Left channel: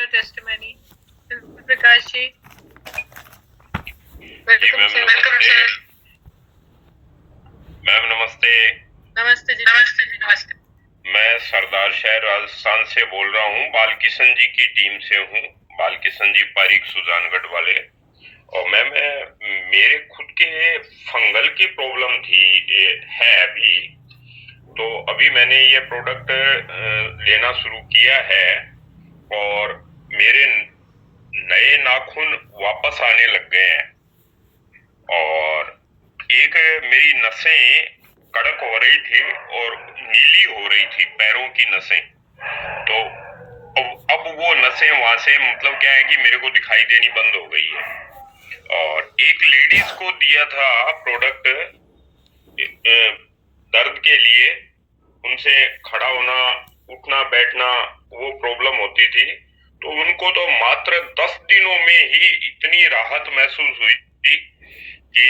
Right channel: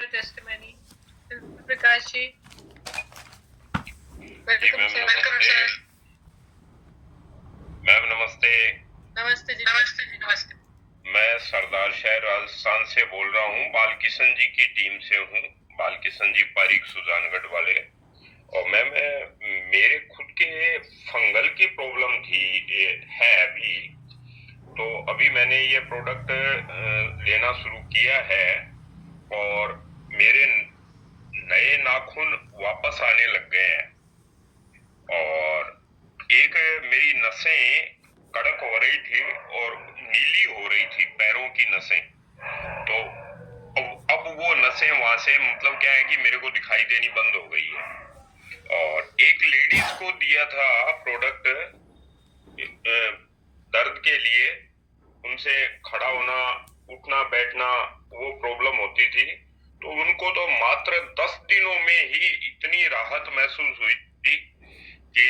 testimony. Prakash ji, welcome sir. Ma'am नमस्ते। नमस्ते जी। नमस्ते। मैं सरदार शहर राजस्थान से बोल रहा हूँ, बालकिशन जी की टीम से हूँ। बालकिशन जी पारीक सुजानगढ़ वाले। और मैम मेरे खुद के फंगल की प्रॉब्लम थी, है अभी। तो अभी मैंने ये प्रोडक्ट लेना शुरू किया है और मेरे नए नाखून वापस आने लग गए हैं और एक मेरी नसें कड़क हो रही थी और नीली हो रही थी, पैरों की नसें। तो अब वो नसें वहां से मतलब क्या है कि मेरे को दिखाई देनी बंद हो गई है। और एक लेडीज को दिया था प्रोडक्ट दर्द के लिए, उनसे खड़ा होना उठना बैठना वो प्रॉब्लम होती थी। तो उनको तो मात्र 10 दिनों में ही इतनी राहत महसूस हुई थी कि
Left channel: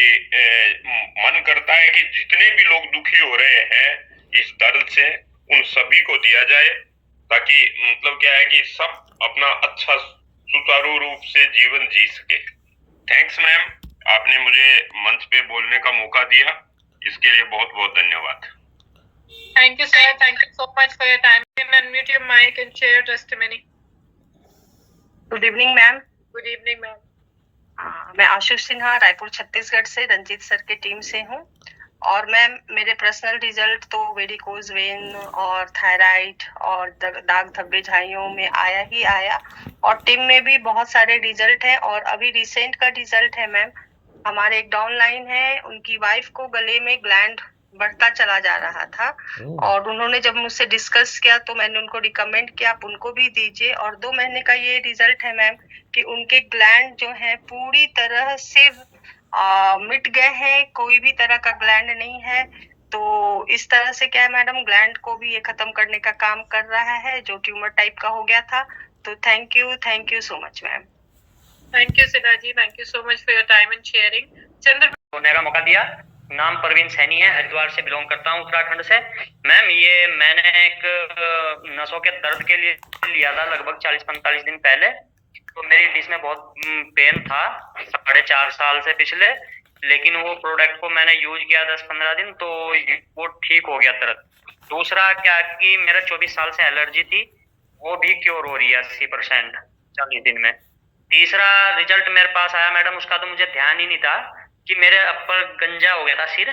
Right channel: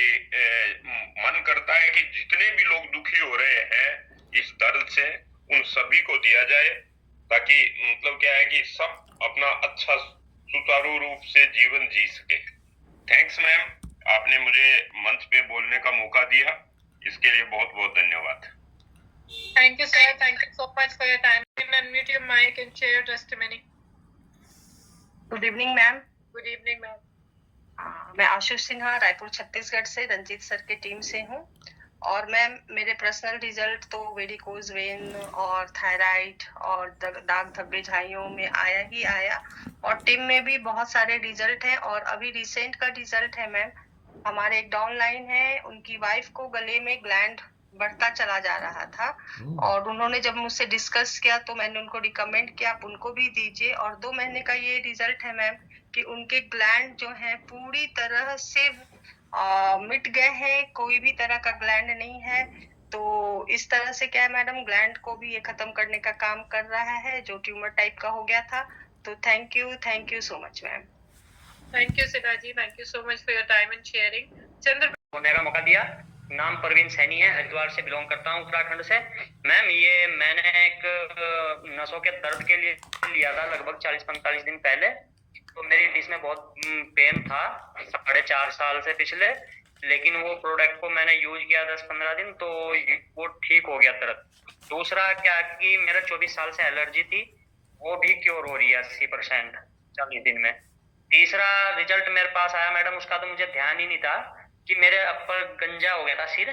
मन करता है कि जितने भी लोग दुखी हो रहे हैं इस दर्द से, उन सभी को दिया जाए, ताकि मतलब क्या है कि सब अपना अच्छा सुचारू रूप से जीवन जी सके। थैंक्स मैम, आपने मुझे मंच पे बोलने का मौका दिया, इसके लिए बहुत बहुत धन्यवाद। Thank you, sir. Thank you so much for your time. You can unmute your mic and share your testimony. Good evening ma'am. Good evening, ma'am. मैं आशुष सिन्हा रायपुर छत्तीसगढ़ से रंजीत सर की टीम से हूँ। और मैम मेरे पर्सनल रिजल्ट तो वेरिकोज वेन और thyroid और दाग धब्बे झाइयों में आया ही आया, और टीम में भी बहुत सारे रिजल्ट हैं। और अभी रिसेंट का रिजल्ट है मैम, हमारे एक डाउनलाइन है, उनकी वाइफ को गले में ग्लैंड बढ़ता चला जा रहा था और उन्होंने जब मुझसे डिस्कस किया तो मैंने उनको रिकमेंड किया आप उनको भी दीजिए। और 2 महीने का ये रिजल्ट है मैम कि उनके ग्लैंड जो है पूरी तरह से मिट गए हैं, कोई भी तरह का ग्लैंड नहीं है। तो इस तरह से क्या है मैडम, ग्लैंड को भी ये खत्म करने का काम कर रहा है जो ट्यूमर टाइप का हो गया था। तो thank you so much ma'am. Thank you, Siddharth. Thank you so much for your time and sharing. चंद्र बोलने का मौका दिया। नाम परवीन सैनी है, हरिद्वार से बिलोंग करता हूँ, उत्तराखंड से। मैम ये मैंने एक नसों के दर्द के लिए लिया था लगभग 40-45 दिन पहले। तो मेरी इसमें बहुत पेन था 4.5 साल से पिछले, लेकिन वो प्रोडक्ट को मैंने यूज किया 10-15 दिन तो वो ठीक हो गया दर्द। दूसरा क्या कि मेरा 24 साल से एलर्जी थी, वो भी क्योर हो रही है 80% 40 दिन में। तीसरा रिजल्ट मेरे पास आया मैडम, उसका तो मुझे ध्यान ही नहीं था कि मेरे अपर गंजा हो गया था सिर,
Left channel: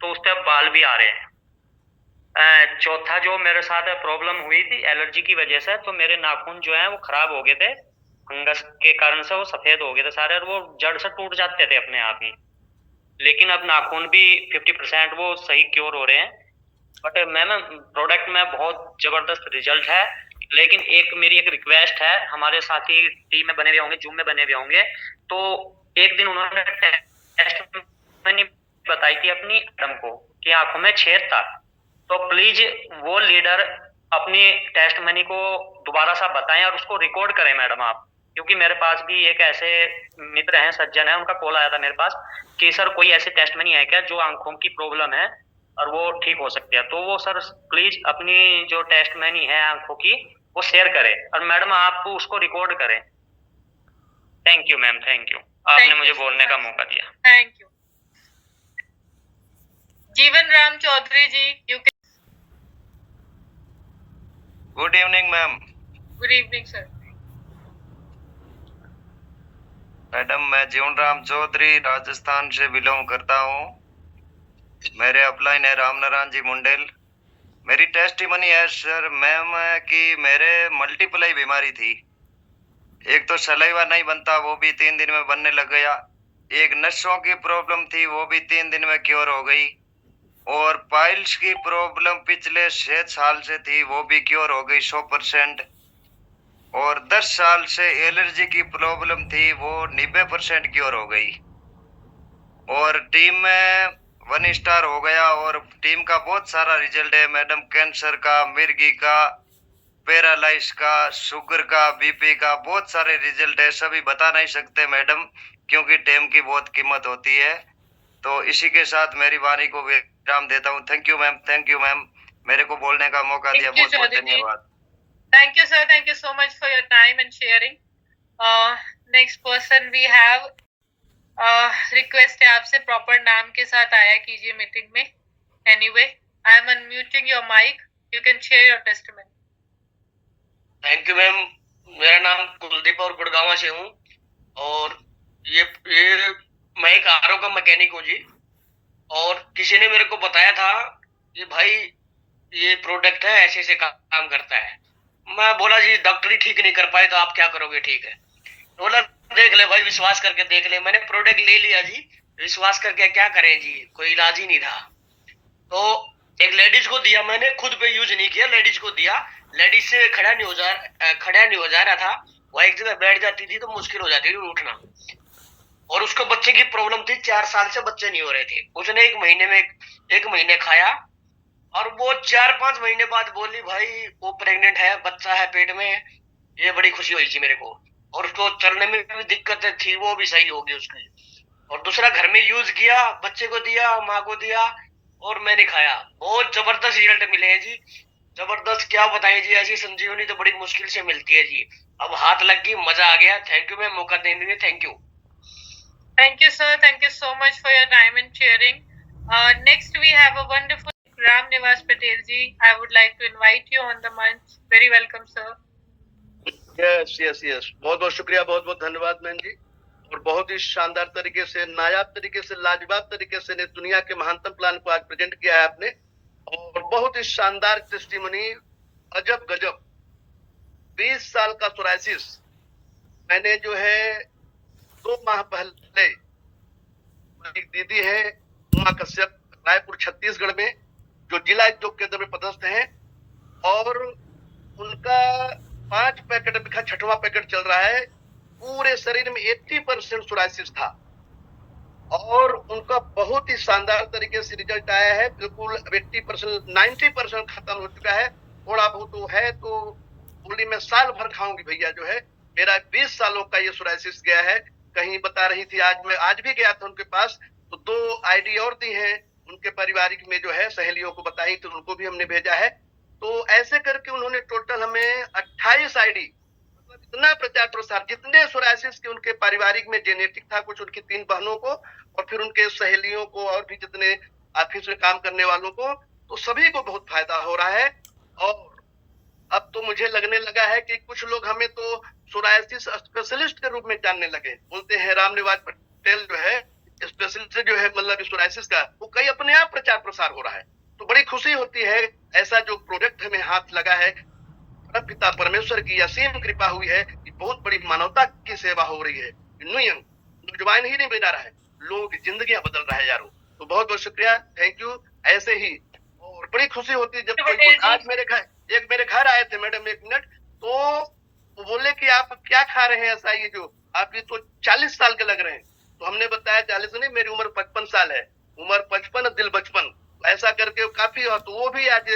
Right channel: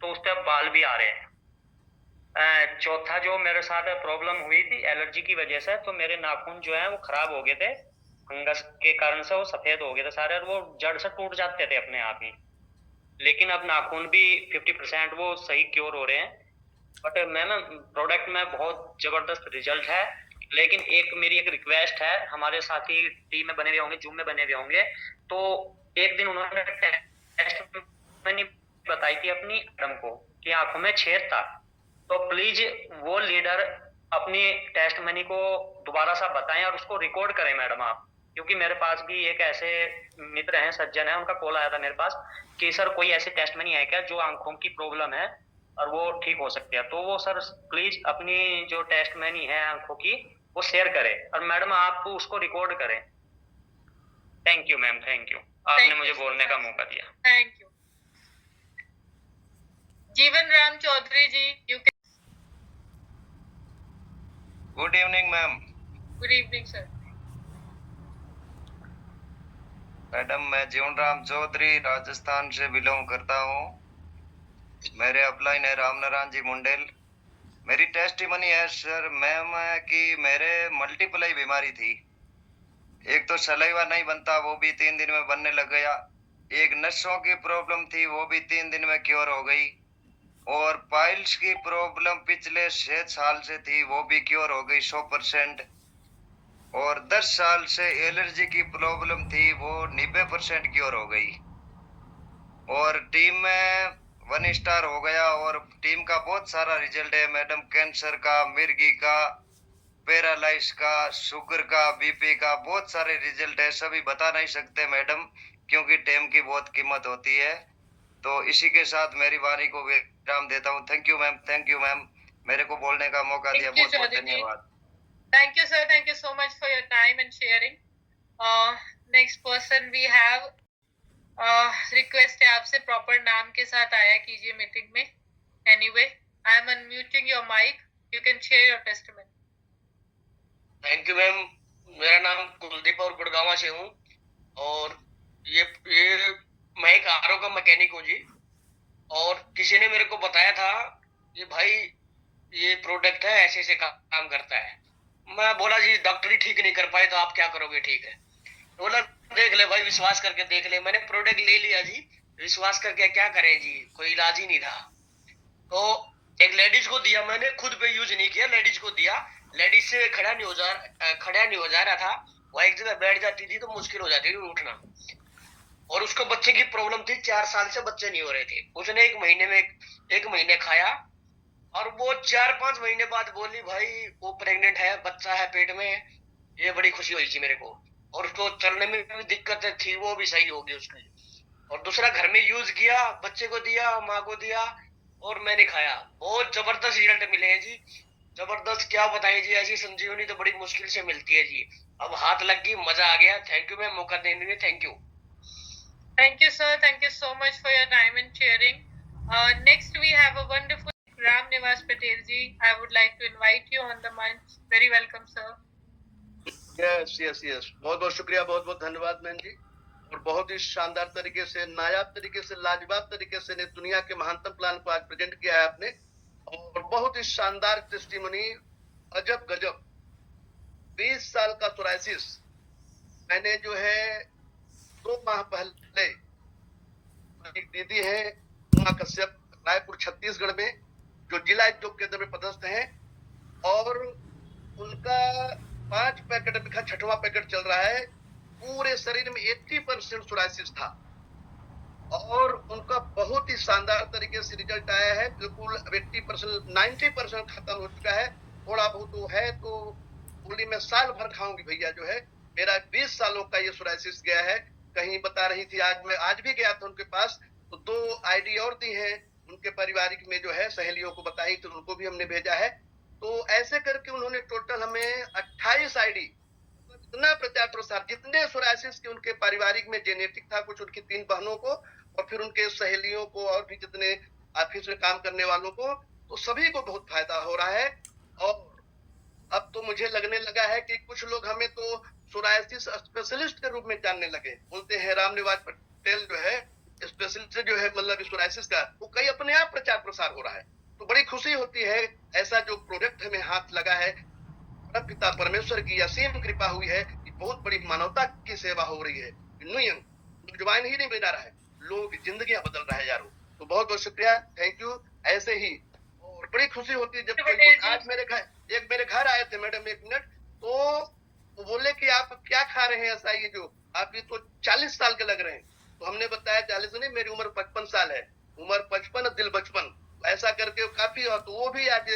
तो उस पर अब बाल भी आ रहे हैं। चौथा जो मेरे साथ प्रॉब्लम हुई थी एलर्जी की वजह से, तो मेरे नाखून जो है वो खराब हो गए थे, फंगस के कारण से वो सफेद हो गए थे सारे और वो जड़ से टूट जाते थे अपने आप ही। लेकिन अब नाखून भी 50% वो सही क्योर हो रहे हैं। बट मैम प्रोडक्ट में बहुत जबरदस्त रिजल्ट है, लेकिन मेरी एक रिक्वेस्ट है, हमारे साथी टीम में बने हुए होंगे, जूम में बने हुए होंगे, तो एक दिन उन्होंने टेस्ट मैंने बताई थी अपनी मैडम को कि आंखों में छेद था। तो प्लीज वो लीडर अपनी टेस्ट मनी को दोबारा सा बताएं और उसको रिकॉर्ड करें मैडम आप, क्योंकि मेरे पास भी एक ऐसे मित्र हैं, सज्जन है, उनका कॉल आया था मेरे पास कि सर कोई ऐसी टेस्ट मनी है क्या जो आंखों की प्रॉब्लम है और वो ठीक हो सकती है। तो वो सर प्लीज अपनी जो टेस्ट मनी है आंखों की वो शेयर करें और मैडम आप उसको रिकॉर्ड करें। Thank you ma'am, thank you, आपने मुझे बोलने का मौका दिया। Thank you. Jeevan Ram Chaudhary ji, you can. Good evening ma'am. Good evening sir. Madam मैं जीवन राम चौधरी राजस्थान से बिलोंग करता हूँ। मेरे अपलाइन है राम नारायण जी मुंडेल। मेरी टेस्टिमनी है सर मैम कि मेरे मल्टीप्लाई बीमारी थी। एक तो सलाइवा नहीं बनता, वो भी 3 दिन में बनने लग गया। एक नसों की प्रॉब्लम थी, वो भी 3 दिन में क्योर हो गई। और पाइल्स की प्रॉब्लम पिछले 6 साल से थी, वो भी क्योर हो गई 100%। और 10 साल से एलर्जी की प्रॉब्लम थी, वो 90% क्योर हो गई। और टीम में 1 स्टार हो गया। और टीम का बहुत सारा रिजल्ट है मैडम, कैंसर का, मिर्गी का, पैरालाइज का, शुगर का, बीपी का, बहुत सारे रिजल्ट है। सभी बता नहीं सकते मैडम, क्योंकि टीम की बहुत कीमत होती है। तो इसी के साथ मेरी वाणी को विराम देता हूँ। Thank you ma'am, thank you ma'am, मेरे को बोलने का मौका दिया, बहुत बहुत धन्यवाद। Thank you, sir. Thank you so much for your time and sharing. Next person we have. Request है आपसे प्रॉपर नाम के साथ आया कीजिए मीटिंग में. Anyway, I am unmuting your mic. You can share your testimony. Thank you ma'am. मेरा नाम कुलदीप और गुड़गांव से हूँ और ये मैं एक आरओ का मैकेनिक हूँ जी. और किसी ने मेरे को बताया था कि भाई ये प्रोडक्ट है ऐसे ऐसे काम करता है. मैं बोला जी डॉक्टर ही ठीक नहीं कर पाए तो आप क्या करोगे. ठीक है, बोला देख ले भाई, विश्वास करके देख ले. मैंने प्रोडक्ट ले लिया जी. विश्वास करके क्या करें जी, कोई इलाज ही नहीं था. तो एक लेडीज को दिया, मैंने खुद पे यूज नहीं किया, लेडीज को दिया. लेडीज से खड़ा नहीं हो जा रहा था. वो एक जगह बैठ जाती थी तो मुश्किल हो जाती थी उठना. और उसको बच्चे की प्रॉब्लम थी, 4 साल से बच्चे नहीं हो रहे थे. उसने एक महीने खाया और वो 4-5 महीने बाद बोली भाई वो प्रेग्नेंट है, बच्चा है पेट में. ये बड़ी खुशी हुई थी मेरे को. और उसको चलने में भी दिक्कतें थी, वो भी सही होगी उसकी. और दूसरा घर में यूज किया, बच्चे को दिया, माँ को दिया और मैंने खाया. बहुत जबरदस्त रिजल्ट मिले हैं जी, जबरदस्त. क्या बताएं जी, ऐसी संजीवनी तो बड़ी मुश्किल से मिलती है जी. अब हाथ लग गई, मजा आ गया. थैंक यू मैम, मौका देने के लिए thank you. Thank you, sir. Thank you so much for your time and sharing. Next, we have a wonderful Ram Nivas Patel ji. I would like to invite you on the मंच. Very welcome, sir. Yes yes yes, बहुत बहुत शुक्रिया, बहुत बहुत धन्यवाद ma'am जी. और बहुत ही शानदार तरीके से, नायाब तरीके से, लाजवाब तरीके से ने दुनिया के महानतम प्लान को आज प्रेजेंट किया है आपने. और बहुत ही शानदार टेस्टिमनी, अजब गजब. 20 साल का सोराइसिस मैंने जो है 2 माह पहले, एक दीदी है उमा कश्यप, रायपुर छत्तीसगढ़ में, जो जिला उद्योग केंद्र में पदस्थ हैं. और उनका 5 पैकेट बिखा 6वां पैकेट चल रहा है. पूरे शरीर में 80% सोराइसिस था और उनका बहुत ही शानदार तरीके से रिजल्ट आया है. बिल्कुल 80%, 90% खत्म हो चुका है. थोड़ा बहुत तो है तो बोली मैं साल भर खाऊंगी भैया. जो है मेरा 20 सालों का ये सोराइसिस गया है. कहीं बता रही थी, आज भी गया था उनके पास तो 2 आईडी और दी हैं उनके पारिवारिक में, जो है सहेलियों को बताई तो उनको भी हमने भेजा है. तो ऐसे करके उन्होंने टोटल हमें 28 आईडी, मतलब इतना प्रचार प्रसार, जितने सोराइसिस के उनके पारिवारिक में जेनेटिक था, कुछ उनकी 3 बहनों को और फिर उनके सहेलियों को और भी जितने ऑफिस में काम करने वालों को, तो सभी को बहुत फायदा हो रहा है. और अब तो मुझे लगने लगा है कि कुछ लोग हमें तो सोराइसिस स्पेशलिस्ट के रूप में जानने लगे. बोलते हैं राम निवास पटेल जो है स्पेशलिस्ट जो है, मतलब सोराइसिस का, वो कई अपने आप प्रचार प्रसार हो रहा है. तो बड़ी खुशी होती है. ऐसा जो प्रोडक्ट हमें हाथ लगा है, पिता परमेश्वर की असीम कृपा हुई है कि बहुत बड़ी मानवता की सेवा हो रही है. नौजवान ही नहीं बना रहा है, लोगों की जिंदगियां बदल रहा है यारों. तो बहुत बहुत शुक्रिया, थैंक यू. ऐसे ही और बड़ी खुशी होती है जब कोई, आज मेरे घर आए थे मैडम, 1 मिनट, तो वो बोले कि आप क्या खा रहे हैं ऐसा, ये जो आप ये तो 40 साल के लग रहे हैं. तो हमने बताया 40 नहीं, मेरी उम्र 55 साल है. उम्र 55, दिल बचपन. ऐसा करके काफी, तो वो भी आज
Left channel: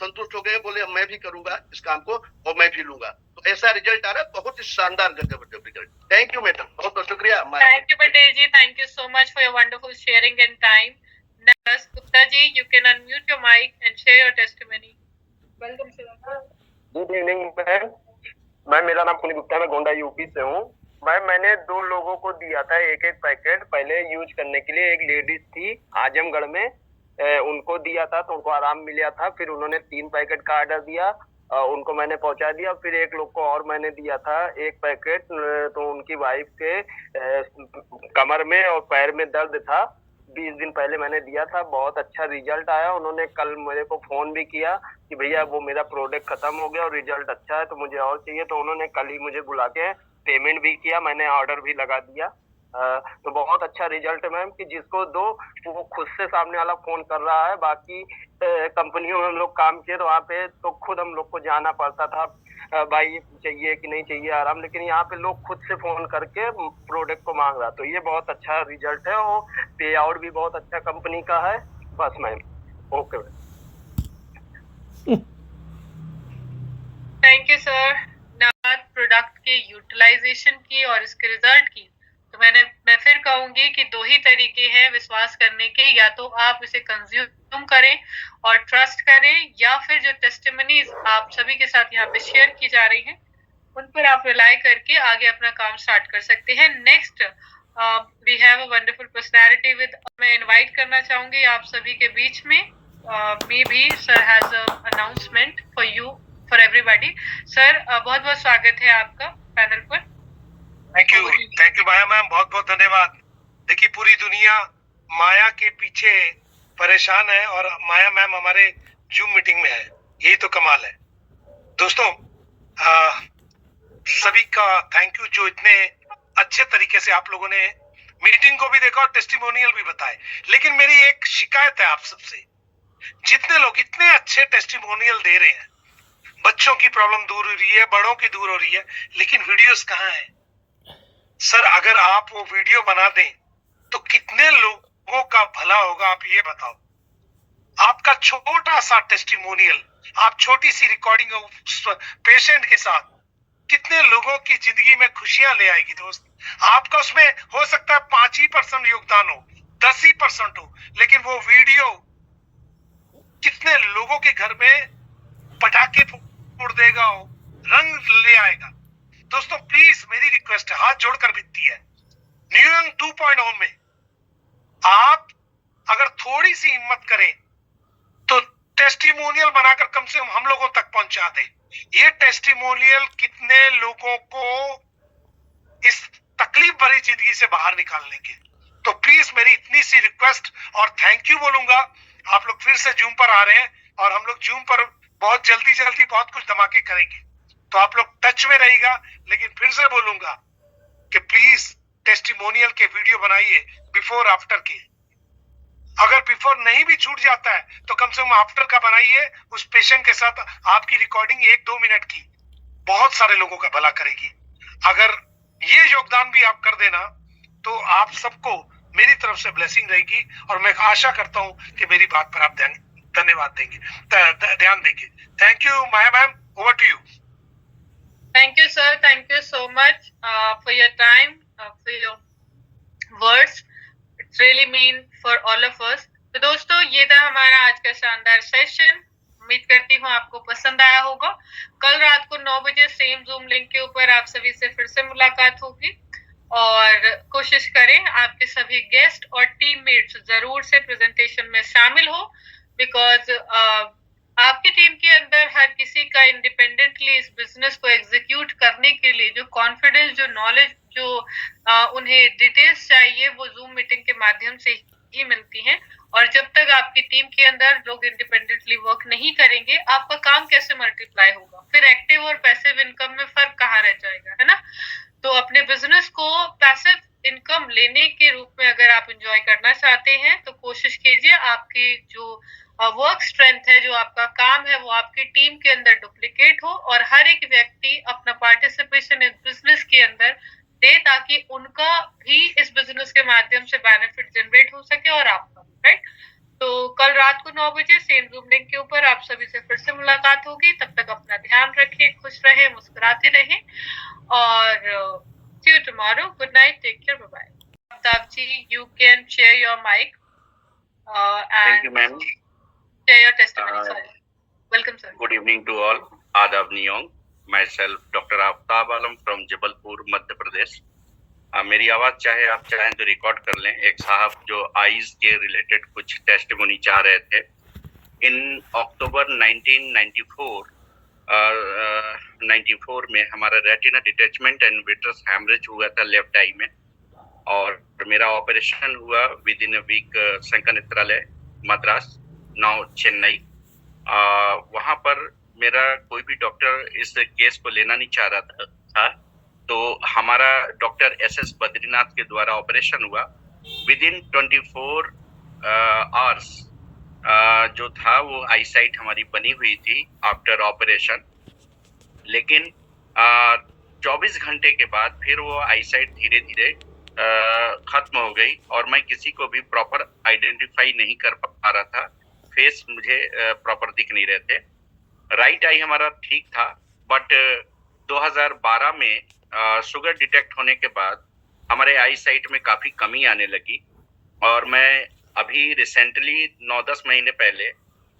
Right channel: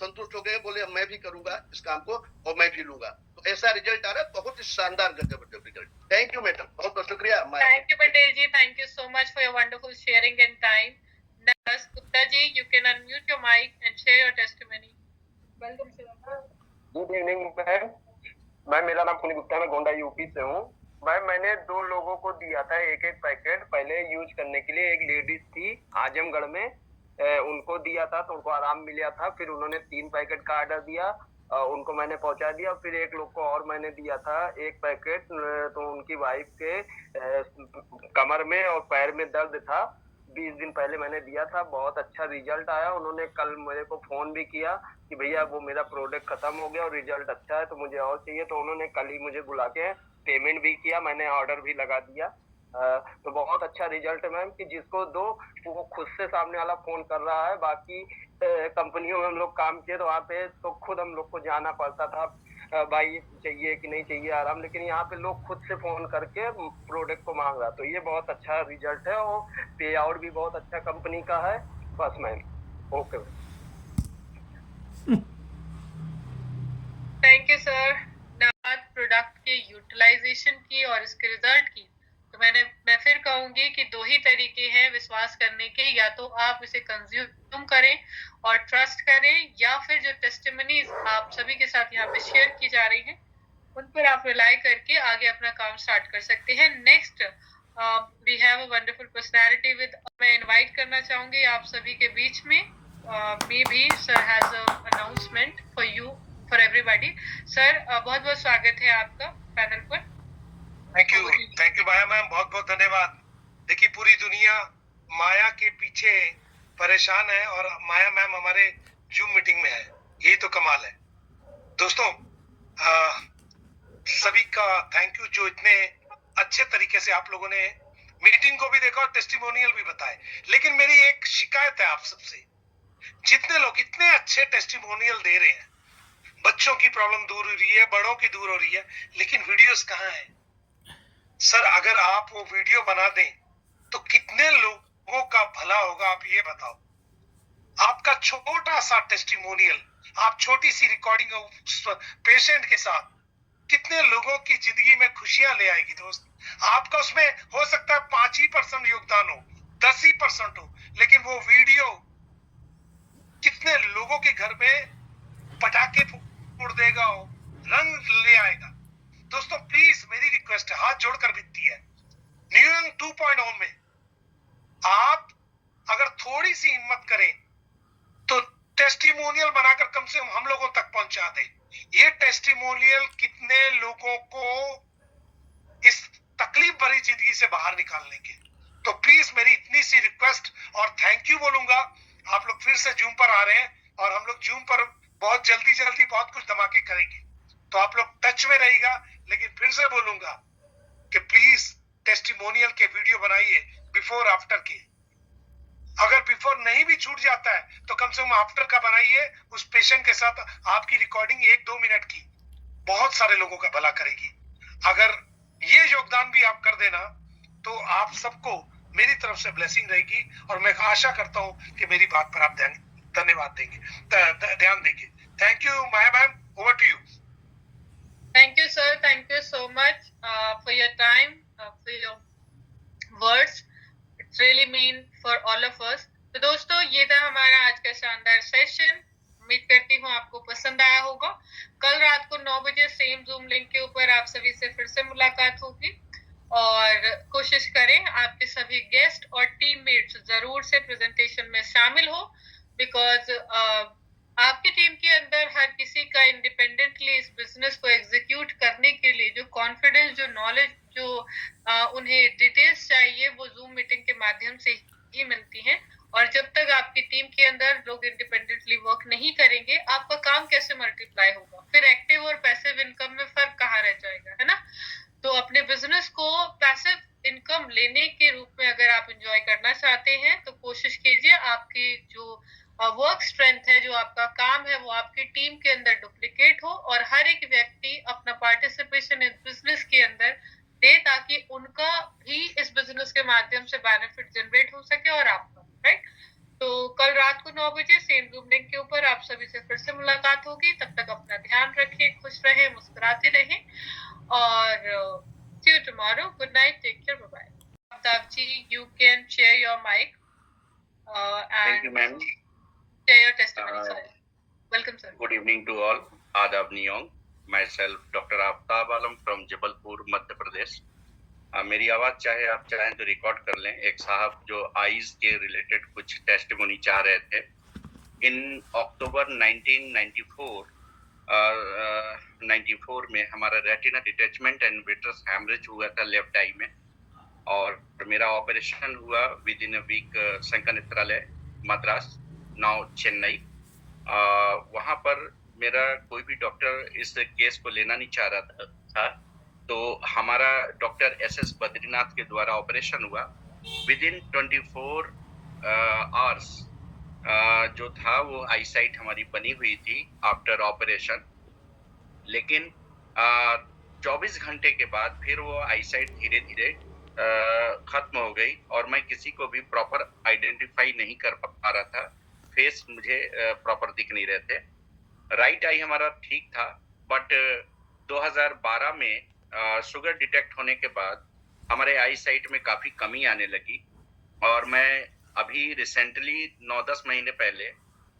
संतुष्ट हो गए. बोले मैं भी करूंगा इस काम को और मैं भी लूंगा. तो ऐसा रिजल्ट आ रहा है, बहुत ही शानदार गजब रिजल्ट. थैंक यू मैडम, बहुत बहुत शुक्रिया. Thank you, Patel ji. Thank you so much for your wonderful sharing and time. Next, Gupta ji, you can unmute your mic and share your testimony. Welcome, sir. Good evening ma'am. मेरा नाम पुनीत गुप्ता है, मैं Gonda UP से हूँ. मैंने 2 लोगों को दिया था एक पैकेट पहले यूज करने के लिए. एक लेडीज थी आजमगढ़ में, उनको दिया था तो उनको आराम मिला था. फिर उन्होंने 3 पैकेट का ऑर्डर दिया, उनको मैंने पहुंचा दिया. फिर एक लोग को और मैंने दिया था 1 पैकेट, तो उनकी वाइफ के कमर में और पैर में दर्द था. 20 दिन पहले मैंने दिया था, बहुत अच्छा रिजल्ट आया. उन्होंने कल मेरे को फोन भी किया कि भैया वो मेरा प्रोडक्ट खत्म हो गया और रिजल्ट अच्छा है तो मुझे और चाहिए. तो उन्होंने कल ही मुझे बुला के पेमेंट भी किया, मैंने ऑर्डर भी लगा दिया. तो बहुत अच्छा रिजल्ट है मैम, कि जिसको दो वो खुद से सामने वाला फोन कर रहा है. बाकी कंपनियों में हम लोग काम किए तो वहाँ पे तो खुद हम लोग को जाना पड़ता था, भाई चाहिए कि नहीं चाहिए आराम. लेकिन यहाँ पे लोग खुद से फोन करके प्रोडक्ट को मांग रहा. तो ये बहुत अच्छा रिजल्ट है और पे आउट भी बहुत अच्छा कंपनी का है. बस ma'am, okay ma'am. Thank you sir. Product के यूटिलाइजेशन की और इसके रिजल्ट की तो मैं फिर कहूंगी कि दो ही तरीके हैं विश्वास करने के, या तो आप इसे कंज्यूम करें और ट्रस्ट करें, या फिर जो टेस्टिमनीज आप सभी के साथ यहाँ पे शेयर की जा रही हैं उन पर आप रिलाई करके आगे अपना काम स्टार्ट कर सकते हैं। Next we have a wonderful personality with, मैं इनवाइट करना चाहूंगी आप सभी के बीच में, maybe sir has a announcement for you, for everybody. Sir बहुत बहुत स्वागत है आपका पैनल पर। थैंक यू माया मैम, बहुत बहुत धन्यवाद। देखिए पूरी दुनिया माया के पीछे परेशान है और माया मैम हमारे जूम मीटिंग में है, यही तो कमाल है। दोस्तों सभी का थैंक यू जो इतने अच्छे तरीके से आप लोगों ने मीटिंग को भी देखा और टेस्टिमोनियल भी बताए। लेकिन मेरी एक शिकायत है आप सबसे, जितने लोग इतने अच्छे टेस्टिमोनियल दे रहे हैं, बच्चों की प्रॉब्लम दूर हो रही है, बड़ों की दूर हो रही है, लेकिन वीडियोस कहाँ है? सर अगर आप वो वीडियो बना दें तो कितने लोगों का भला होगा, आप ये बताओ। आपका छोटा सा टेस्टिमोनियल, आप छोटी सी रिकॉर्डिंग पेशेंट के साथ कितने लोगों की जिंदगी में खुशियां ले आएगी दोस्त। आपका उसमें हो सकता है 5% योगदान हो, 10% हो, लेकिन वो वीडियो कितने लोगों के घर में पटाखे फोड़ देगा, हो रंग ले आएगा। दोस्तों प्लीज मेरी रिक्वेस्ट है, हाथ जोड़कर विनती है, न्यू यंग 2.0 में आप अगर थोड़ी सी हिम्मत करें तो टेस्टिमोनियल बनाकर कम से कम हम लोगों तक पहुंचा दे। ये टेस्टिमोनियल कितने लोगों को इस तकलीफ भरी जिंदगी से बाहर निकालने के। तो प्लीज मेरी इतनी सी रिक्वेस्ट और थैंक यू बोलूंगा। आप लोग फिर से जूम पर आ रहे हैं और हम लोग जूम पर बहुत जल्दी बहुत कुछ धमाके करेंगे, तो आप लोग टच में रहिएगा। लेकिन फिर से बोलूंगा कि प्लीज टेस्टिमोनियल के वीडियो बनाइए बिफोर आफ्टर के। अगर बिफोर नहीं भी छूट जाता है तो कम से कम आफ्टर का बनाइए, उस पेशेंट के साथ आपकी रिकॉर्डिंग 1-2 मिनट की बहुत सारे लोगों का भला करेगी। अगर ये योगदान भी आप कर देना तो आप सबको मेरी तरफ से ब्लेसिंग रहेगी और मैं आशा करता हूं कि मेरी बात पर आप धन्यवाद देंगे, ध्यान देंगे। Thank you Maya ma'am, over to you. Thank you, sir. Thank you so much for your time, for your words. It's really mean for all of us. तो दोस्तों ये था हमारा आज का शानदार सेशन। उम्मीद करती हूँ आपको पसंद आया होगा। कल रात को 9 बजे सेम जूम लिंक के ऊपर आप सभी से फिर से मुलाकात होगी और कोशिश करें आपके सभी गेस्ट और टीममेट्स जरूर से प्रेजेंटेशन में शामिल हो, बिकॉज आपकी टीम के अंदर हर किसी का इंडिपेंडेंटली इस बिजनेस को एग्जीक्यूट करने के लिए जो कॉन्फिडेंस, जो नॉलेज, जो उन्हें डिटेल्स चाहिए वो जूम मीटिंग के माध्यम से ही मिलती हैं। और जब तक आपकी टीम के अंदर लोग इंडिपेंडेंटली वर्क नहीं करेंगे, आपका काम कैसे मल्टीप्लाई होगा? फिर एक्टिव और पैसिव इनकम में फर्क कहाँ रह जाएगा, है ना? तो अपने बिजनेस को पैसिव इनकम लेने के रूप में अगर आप एंजॉय करना चाहते हैं तो कोशिश कीजिए आपकी जो वर्क स्ट्रेंथ है, जो आपका काम है, वो आपकी टीम के अंदर डुप्लीकेट हो और हर एक व्यक्ति अपना पार्टिसिपेशन इस बिजनेस के अंदर दे ताकि उनका भी इस बिजनेस के माध्यम से बेनिफिट जनरेट हो सके और आपका, राइट? तो कल रात को 9 बजे सेम जूम लिंक के ऊपर आप सभी से फिर से मुलाकात होगी। तब तक अपना ध्यान रखिए, खुश रहें, मुस्कुराते रहें और see you tomorrow. Good night. Take care. Bye bye. Abdab ji, you can share your mic and Thank you, ma'am. share your testimony. Sir. Welcome, sir. Good evening to all. Adab Niyong. Myself, Dr. Aftab Alam from Jabalpur, Madhya Pradesh. मेरी आवाज चाहे आप चाहें तो record कर लें। एक साहब जो आईज के रिलेटेड कुछ टेस्टिमोनी चाह रहे थे। इन अक्टूबर 1994 में हमारा retina detachment and vitreous haemorrhage हुआ था लेफ्ट आई में, और मेरा ऑपरेशन हुआ within a week Shankar Nethralaya Madras, now Chennai. वहाँ पर मेरा कोई भी डॉक्टर इस केस को लेना नहीं चाह रहा था, तो हमारा डॉक्टर SS बद्रीनाथ के द्वारा ऑपरेशन हुआ। विद इन 24 आवर्स जो था वो आईसाइट हमारी बनी हुई थी आफ्टर ऑपरेशन, लेकिन 24 घंटे के बाद फिर वो आईसाइट धीरे धीरे खत्म हो गई और मैं किसी को भी प्रॉपर आइडेंटिफाई नहीं कर पा रहा था, फेस मुझे प्रॉपर दिख नहीं रहे थे। राइट आई हमारा ठीक था, बट 2012 में शुगर डिटेक्ट होने के बाद हमारे आई साइट में काफ़ी कमी आने लगी। और मैं अभी रिसेंटली 9-10 महीने पहले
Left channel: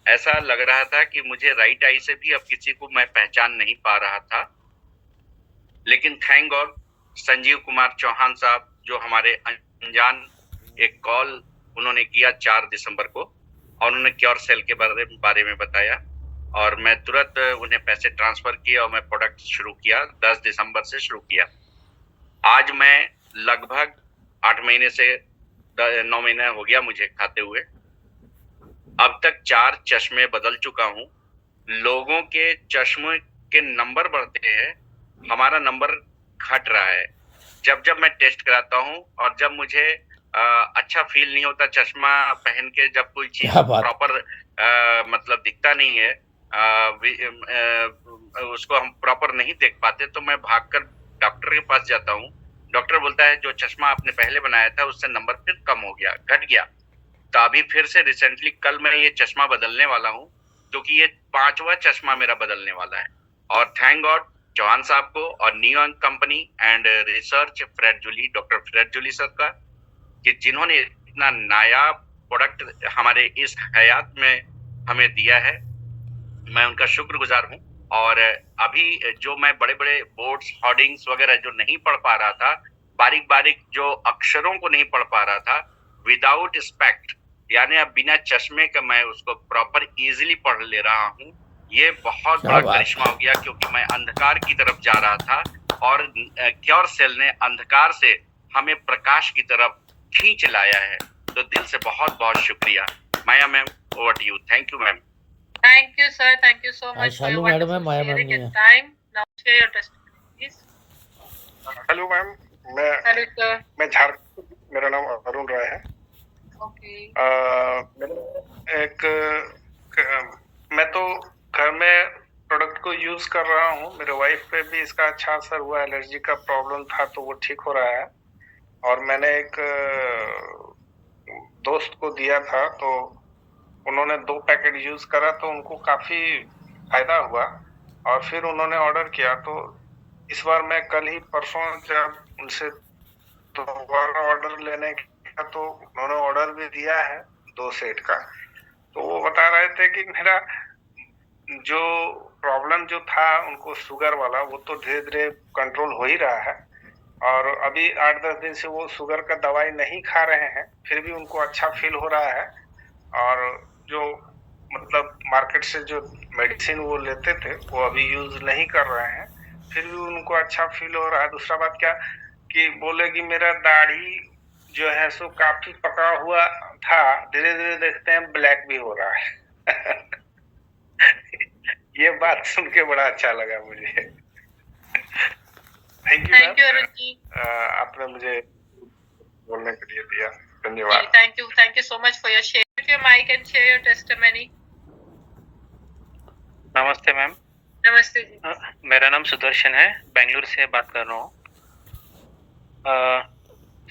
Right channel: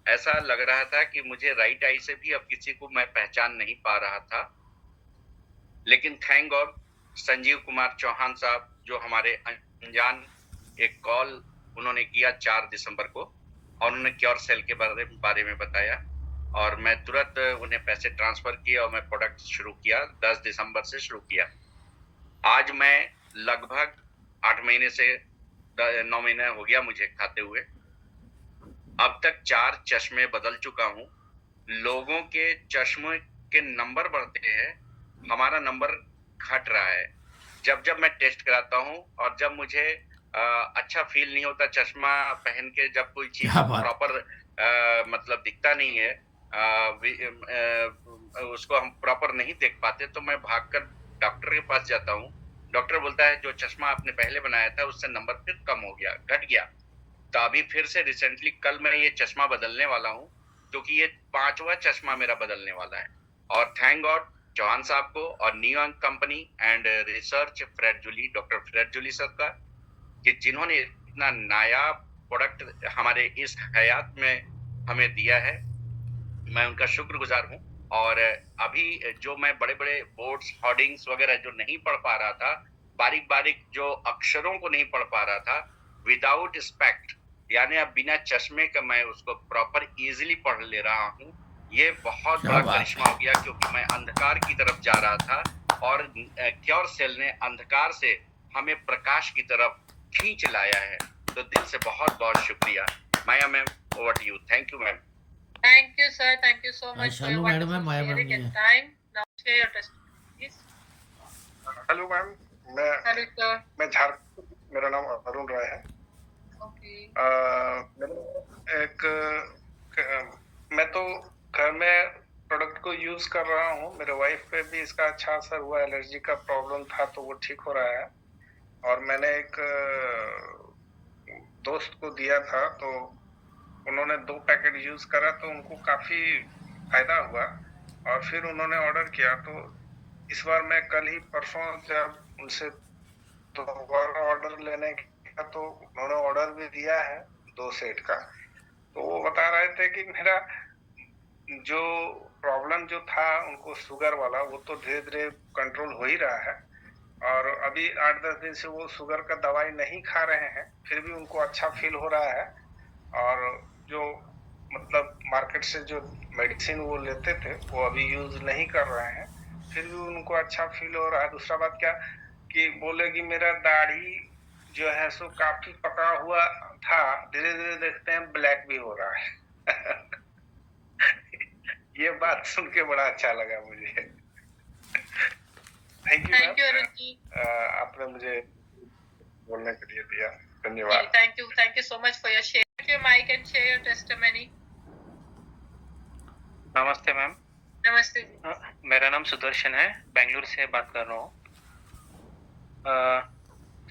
ऐसा लग रहा था कि मुझे राइट आई से भी अब किसी को मैं पहचान नहीं पा रहा था। लेकिन थैंक गॉड संजीव कुमार चौहान साहब, जो हमारे अनजान एक कॉल उन्होंने किया 4 दिसंबर को, और उन्होंने क्योर सेल के बारे में बताया, और मैं तुरंत उन्हें पैसे ट्रांसफर किए और मैं प्रोडक्ट शुरू किया। 10 दिसंबर से शुरू किया। आज मैं लगभग 8 महीने से 9 महीना हो गया मुझे खाते हुए। अब तक 4 चश्मे बदल चुका हूँ। लोगों के चश्मे के नंबर बढ़ते हैं, हमारा नंबर घट रहा है। जब जब मैं टेस्ट कराता हूँ और जब मुझे अच्छा फील नहीं होता चश्मा पहन के, जब कोई चीज प्रॉपर मतलब दिखता नहीं है, उसको हम प्रॉपर नहीं देख पाते, तो मैं भागकर डॉक्टर के पास जाता हूँ। डॉक्टर बोलता है जो चश्मा आपने पहले बनाया था उससे नंबर फिर कम हो गया, घट गया। तो अभी फिर से रिसेंटली कल मैं ये चश्मा बदलने वाला हूँ, क्योंकि ये 5वां चश्मा मेरा बदलने वाला है। और थैंक गॉड चौहान साहब को और New York company and research Fred Julie, doctor Fred Julie sir का, कि जिन्होंने इतना नायाब प्रोडक्ट हमारे इस हयात में हमें दिया है। मैं उनका शुक्रगुजार हूँ। और अभी जो मैं बड़े बड़े बोर्ड्स, होर्डिंग्स वगैरह जो नहीं पढ़ पा रहा था, बारीक बारीक जो अक्षरों को नहीं पढ़ पा रहा था, विदाउट स्पेक्ट, यानी अब बिना चश्मे का मैं उसको प्रॉपर इजीली पढ़ ले रहा हूँ। ये बहुत बड़ा करिश्मा हो गया, क्योंकि मैं अंधकार की तरफ जा रहा था और क्योर सेल ने अंधकार से हमें प्रकाश की तरफ खींच लाया है। तो दिल से बहुत बहुत शुक्रिया। Maya ma'am, over to you. Thank you ma'am. Thank you, sir. Thank you so much for your Shalu madam है, wonderful माया मैम sharing नहीं and है। time. Now share your testimony, please. Hello ma'am, Hello, sir. मैं झारखंड, मेरा नाम अरुण राय है। Okay. मैं तो घर में प्रोडक्ट को यूज कर रहा हूँ। मेरे वाइफ पे भी इसका अच्छा असर हुआ, एलर्जी का प्रॉब्लम था तो वो ठीक हो रहा है। और मैंने एक दोस्त को दिया था, तो उन्होंने 2 पैकेट यूज करा तो उनको काफी फायदा हुआ, और फिर उन्होंने ऑर्डर किया। तो इस बार मैं कल ही परसों जब उनसे दोबारा ऑर्डर लेने का, तो उन्होंने ऑर्डर भी दिया है 2 सेट का। तो वो बता रहे थे कि मेरा जो प्रॉब्लम जो था उनको शुगर वाला, वो तो धीरे धीरे कंट्रोल हो ही रहा है। और अभी 8-10 दिन से वो शुगर का दवाई नहीं खा रहे हैं, फिर भी उनको अच्छा फील हो रहा है। और जो मतलब मार्केट से जो मेडिसिन वो लेते थे वो अभी यूज नहीं कर रहे हैं, फिर भी उनको अच्छा फील हो रहा है। दूसरा बात क्या कि बोले कि मेरा दाढ़ी जो है सो काफी पका हुआ था, धीरे धीरे देखते हैं ब्लैक भी हो रहा है। ये बात सुन के बड़ा अच्छा लगा मुझे। Thank you Arun ji. आपने मुझे बोलने के लिए दिया, धन्यवाद। Thank you so much for your share. Your mic and share your testimony. नमस्ते मैम। नमस्ते जी। मेरा नाम सुदर्शन है, बेंगलुरु से बात कर रहा हूँ।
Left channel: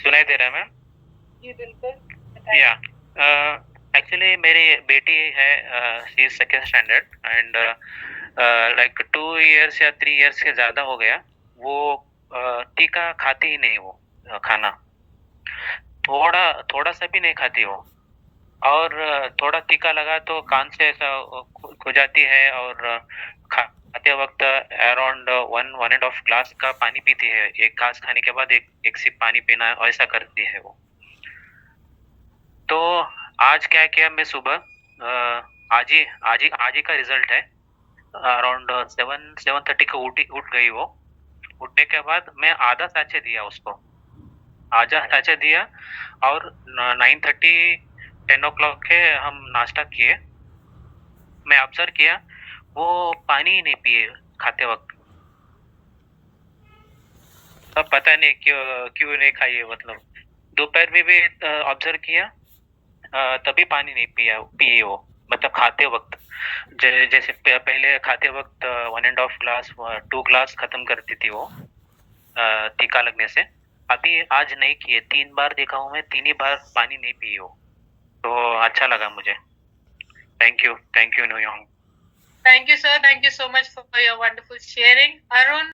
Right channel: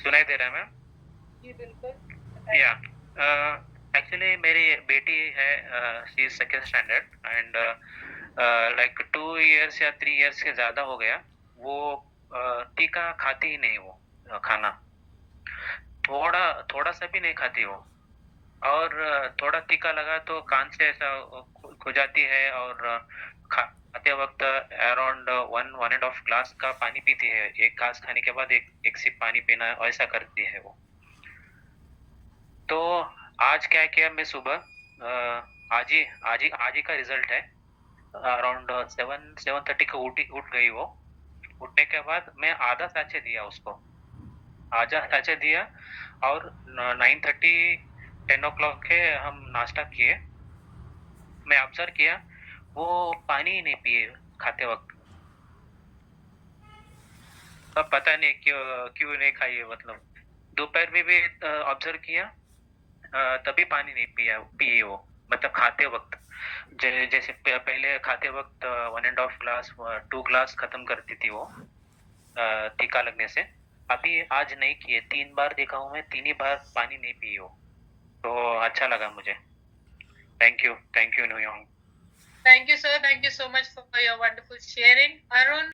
सुनाई दे रहा है मैम? जी बिल्कुल। या एक्चुअली मेरी बेटी है, she is 2nd standard and like 2 years या 3 इयर्स के ज़्यादा हो गया। वो टीका खाती ही नहीं, वो खाना थोड़ा सा भी नहीं खाती वो। और थोड़ा टीका लगा तो कान से ऐसा खुजाती है, और खाते वक्त अराउंड 1.5 ग्लास का पानी पीती है। एक घास खाने के बाद एक सिप पानी पीना, ऐसा करती है वो। तो आज क्या किया मैं सुबह, आज ही का रिजल्ट है। अराउंड 7:30 को उठ गई वो। उठने के बाद मैं आधा सैचे दिया उसको, और 9:30-10 o'clock के हम नाश्ता किए। मैं ऑब्जर्व किया वो पानी ही नहीं पिए खाते वक्त। अब पता नहीं क्यों नहीं खाई है, मतलब दोपहर में भी ऑब्जर्व किया, तभी पानी नहीं पिए वो, मतलब खाते वक्त। जैसे पहले खाते वक्त 1.5 ग्लास 2 ग्लास खत्म करती थी वो टीका लगने से। अभी आज नहीं किए, 3 बार देखा हूँ मैं, 3 ही बार पानी नहीं पी हो। तो अच्छा लगा मुझे। Thank you New York. Thank you, sir. Thank you so much for your wonderful sharing. Arun,